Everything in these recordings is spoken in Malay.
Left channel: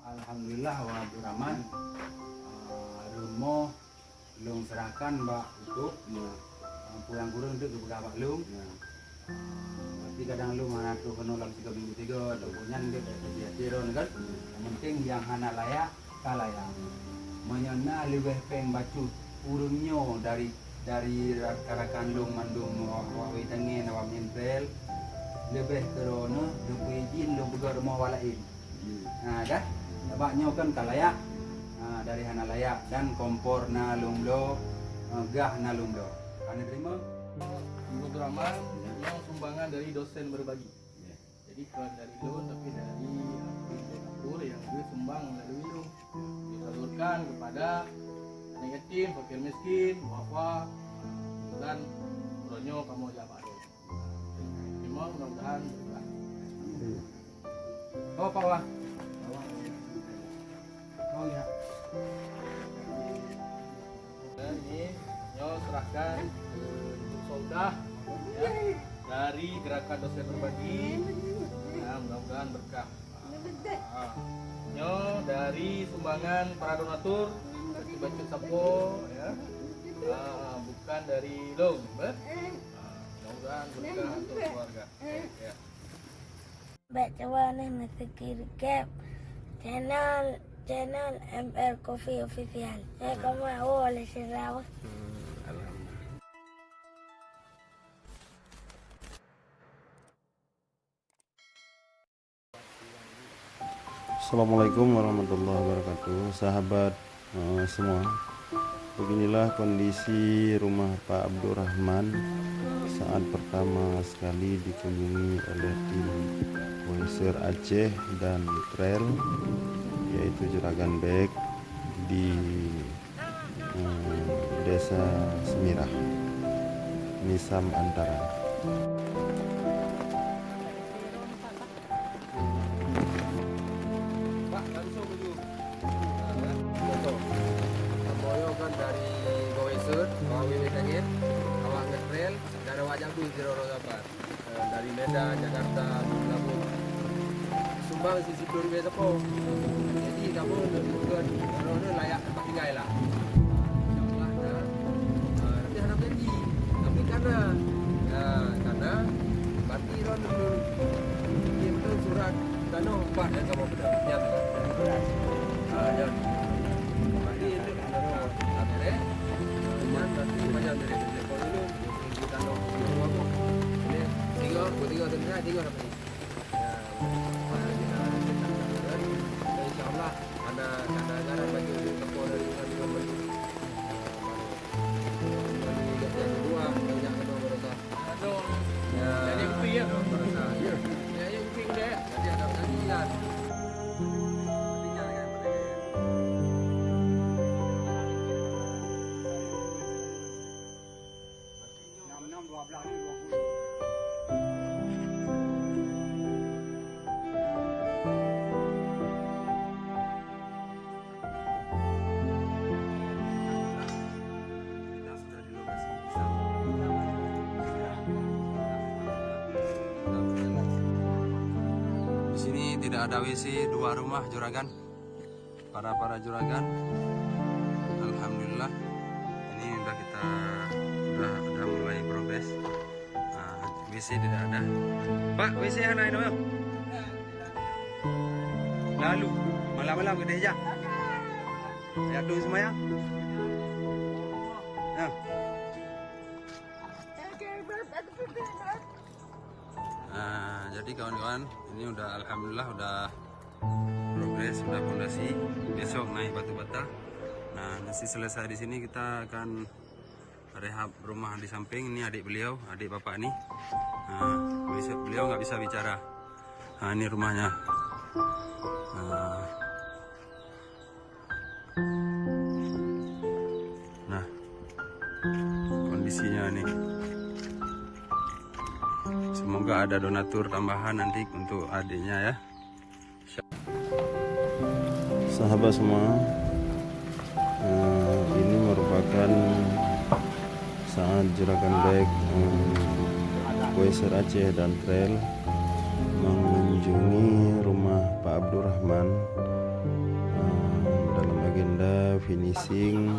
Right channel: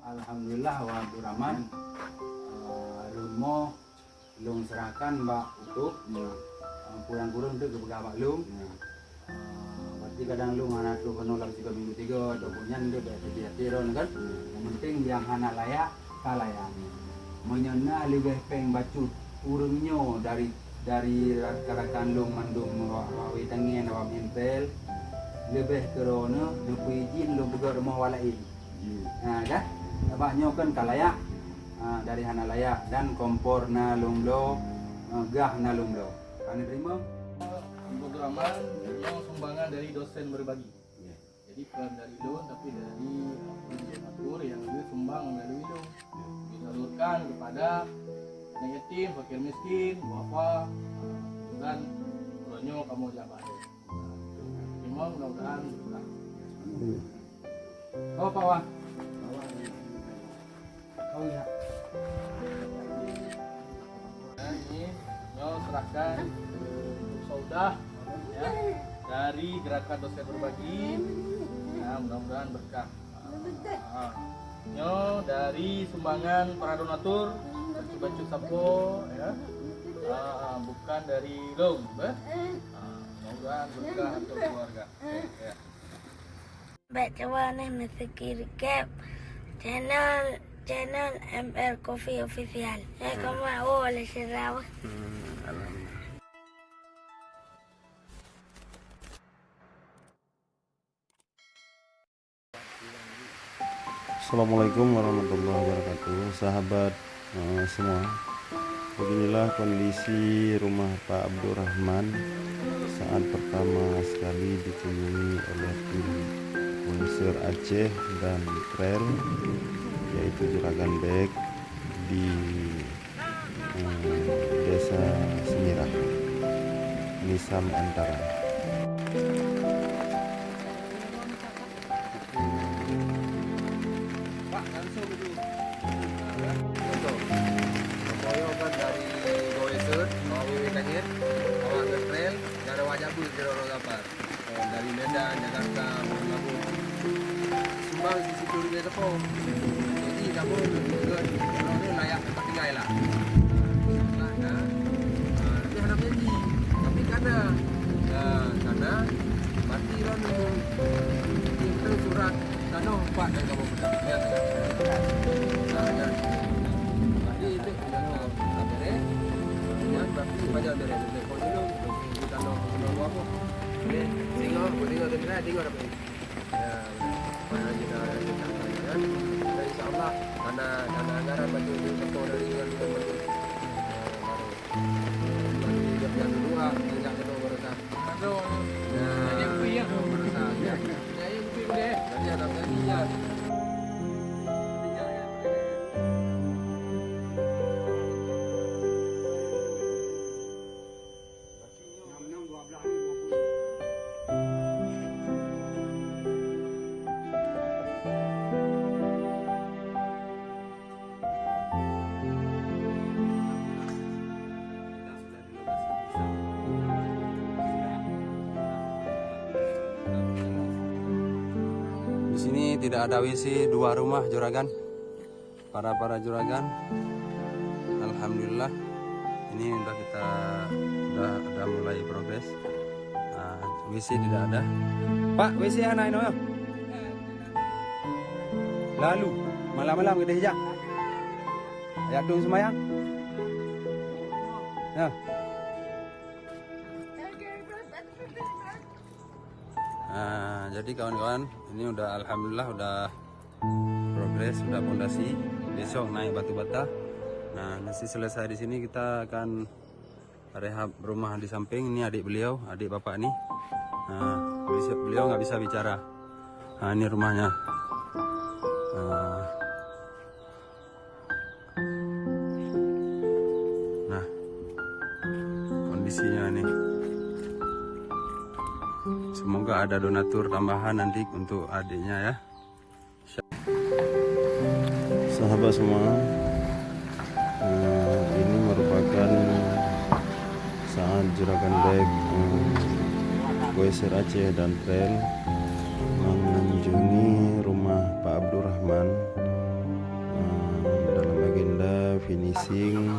Alhamdulillah wa Abdurrahman rumah long serahkan mbak utuh pulang kurang tu ke Pak Lung. Berarti kadang lu mana tu kena dalam 3 minggu 3 atau punya dia biasa ron kan. Yang penting yang anak layak layak. Menyena lebih peng bacut urungnya dari rakan lung mandung wawi tangen awam impel lebih kerana lu izin lu buka rumah walain. Nah kan bapaknya kan tak layak dari anak layak dan kompor na lumlo gah na lumlo. Kami terima Ibu Abdurrahman yang sumbangan dari dosen berbagi. Jadi bukan dari loan tapi dari donatur yang duit sumbang melalui loan disalurkan kepada anak yatim, fakir miskin, wafa dan ronyo kamu jabat. Terima mudah-mudahan berkah. Oh Pak Wah. Oh ya. Dan ini nyo serahkan untuk saudah ya dari gerakan dosen berbagi. Ya, mudah-mudahan berkah. Nyo dari sumbangan para donatur baju sapo ya. Bukan dari loan, mudah-mudahan berkah untuk keluarga. Ya. Baca nih mesti kirim channel ML Coffee Official. Kamu mau oleh Sarawak. Assalamualaikum warahmatullahi wabarakatuh. Sahabat semua, beginilah kondisi rumah Pak Abdurrahman saat pertama sekali dikunjungi oleh tim Koeser Aceh dan Trail, yaitu Juragan Bek di Desa Semirah, Nisam Antara. Pak, langsung dulu. Contoh. Semboyo kan dari Koeser, Wawi Tangen, awak ke trail, dari Wajabu Jeroro dapat. Dari Medan, Jakarta, Lampung. Sumbang sisi Puri Besepo. Jadi kamu juga kalau ni layak tempat tinggal lah. Insyaallah itu ada janji. Tapi karena berarti kan kita surat karena empat yang kamu bertanya. Ya. Berarti itu ada deh. Kemudian berarti macam ada deh. Kalau dulu kita nak apa? Tiga dapat ini. Ya, mana kita kan. Dan insyaallah karena anggaran baju di tepor dari dengan baju baru. Dari yang kedua banyak kedua berasa. Aduh. Ya, yang kuih berasa. Ya, yang kuih deh. jadi ada gajian. Di sini tidak ada WC, 2 rumah juragan. Para juragan. Alhamdulillah. Ini udah mulai progres. WC tidak ada. Pak, WC anak ini ya? Lalu malam-malam gede hijab. Ya tuh semayang. Ya. Jadi kawan-kawan, ini udah alhamdulillah udah progres, udah fondasi. Besok naik batu bata. Nah, nanti selesai di sini kita akan rehab rumah di samping. Ini adik beliau, adik bapak nih. Besok beliau nggak bisa bicara. Ini rumahnya. Nah, kondisinya nih. Semoga ada donatur tambahan nanti untuk adiknya ya. Sahabat semua, ini merupakan saat Juragan Bek Koeser Aceh dan Trail mengunjungi rumah Pak Abdurrahman finishing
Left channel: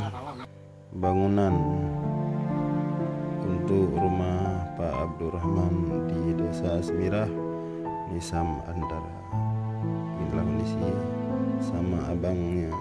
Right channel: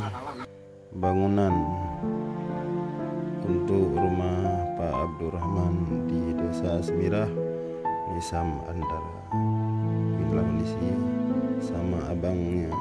bangunan untuk rumah Pak Abdurrahman di Desa Semirah, Nisam Antara. Inilah kondisi sama abangnya.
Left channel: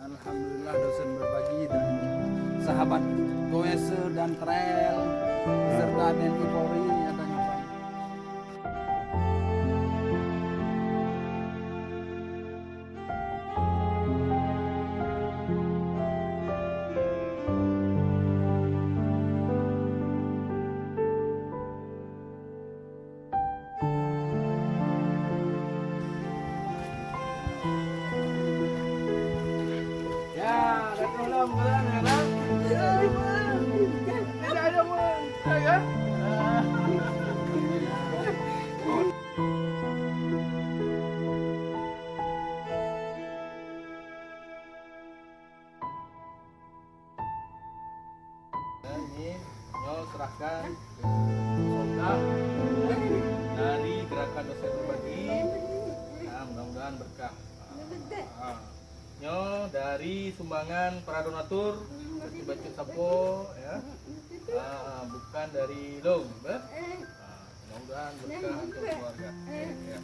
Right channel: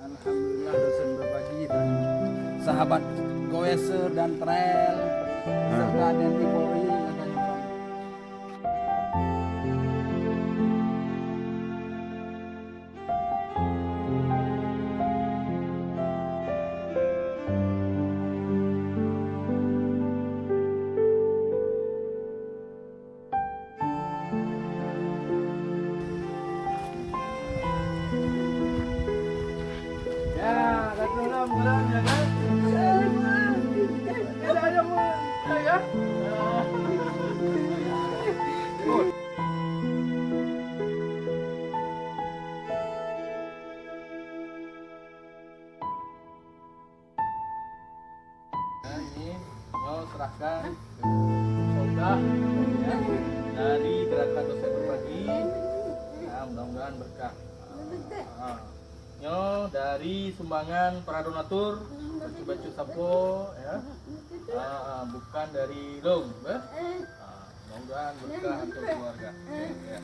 Alhamdulillah dosen berbagi dan sahabat goeser dan trail serta TNI Polri ada nyumbang. Ya, datanglah pulang ya kan? Tidak ada pulang, ya. Ini Nyo serahkan ke Soldah ya, dari gerakan dosen berbagi. Nah, mudah-mudahan berkah. Nyo dari sumbangan para donatur baju sapo ya, bukan dari Long, mudah-mudahan berkah untuk keluarga. Ya.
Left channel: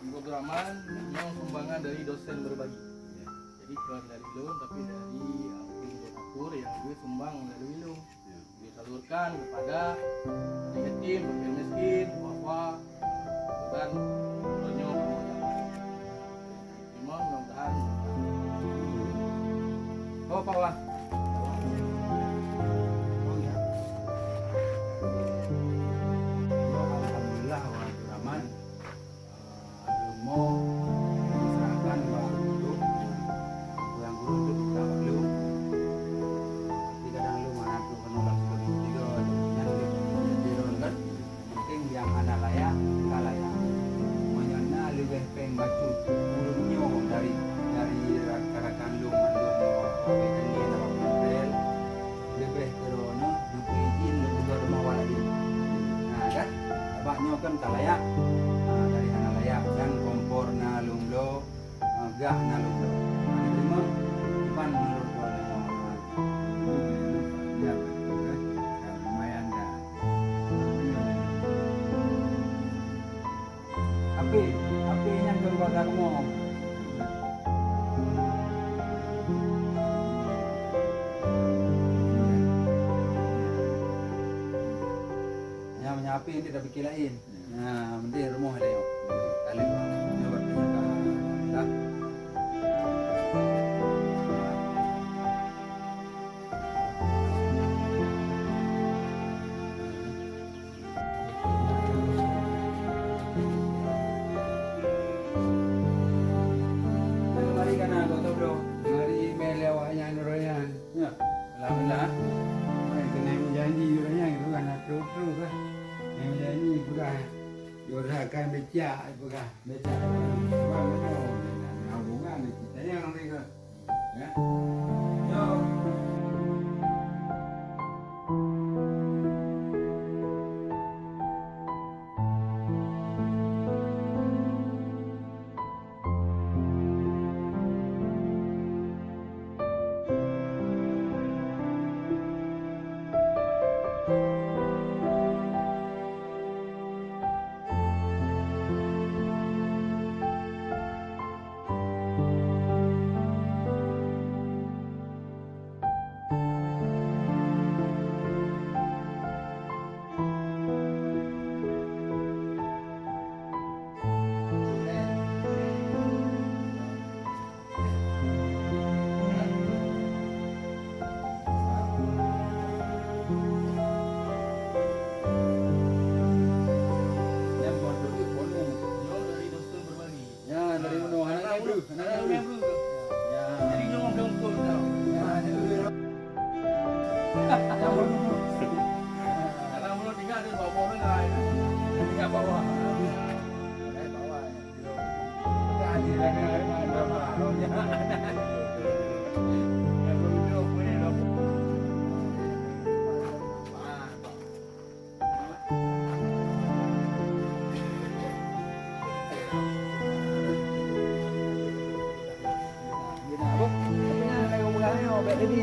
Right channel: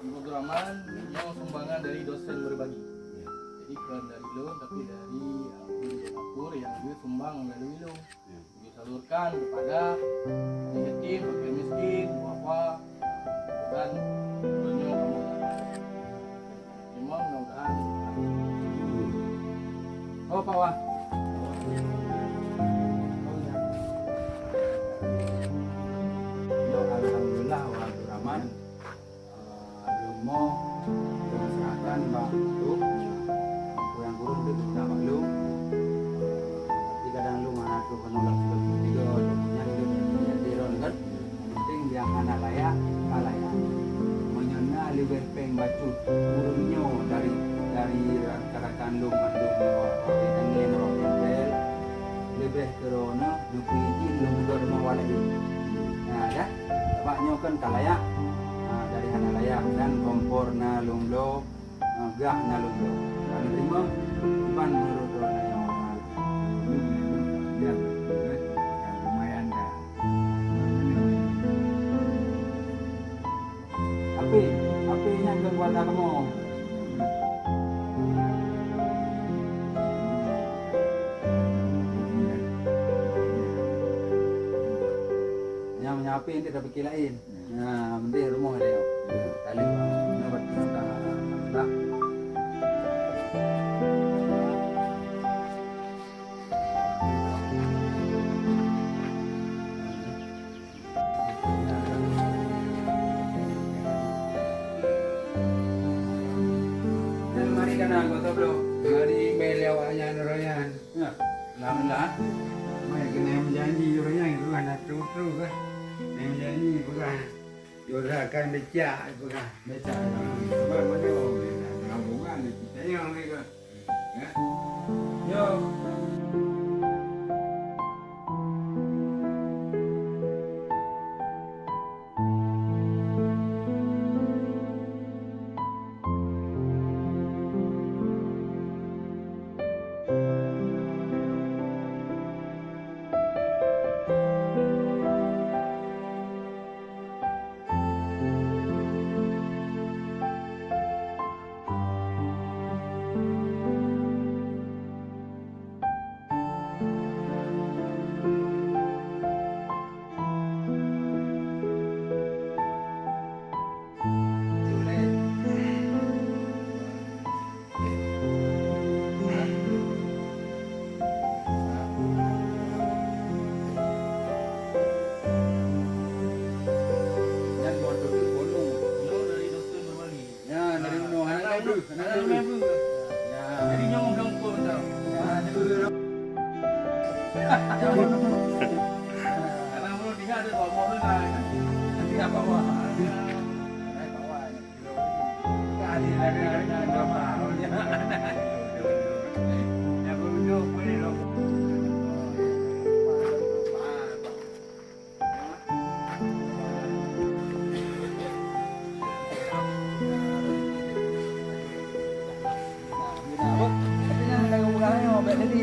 Abdurrahman Nyo sumbangan dari dosen berbagi. Jadi bukan dari Long tapi dari donatur yang duit sumbang melalui Long, disalurkan kepada yatim, fakir miskin, duafa, dan Nyo kamu mudah-mudahan. Oh, Pak Wah. Oh ya. Yo, alhamdulillah wa Abdurrahman. Lumo diserahkan Mbak Tuk. Yang guru itu kita maklum. Tapi kadang lu mana tuh penolak sebelum tiga, yang itu dia kan. Yang penting yang anak layak, kalayak. Menyana lebih peng bacut urunnya dari rekan lu mandung pengen orang yang lebih corona lebih izin lu juga rumah waladi. Nah dah bapaknya kan kalayak dari anak layak dan kompor na lumlo gah na lumlo. Kami terima depan menurut orangnya. Ya lumayan dah. Api yang ke keluarga kamu. Yang menyapi ini tidak pikir lain. Nah, mending rumah dia. Kali bang, nyoba tinggal dah. Mari kana kau tahu belum? Mari beliau yang royan. Ya, alhamdulillah. Mai kena menjanji royan itu kan terus kan. Menjanji bukan. Yorakan becak bukan. Becak. Sebab mana orang hubungan kita yang mereka. Ya. Yo. Ada member ke? Ya. Jadi nyong ganggu tau. Ya, dulu. Karena belum tinggal ada bawah lah kan. Tinggal bawah. Bawah. Tadi dari berapa? Ya begitu boleh dong. Tapi nak lagu lagu, bet tadi.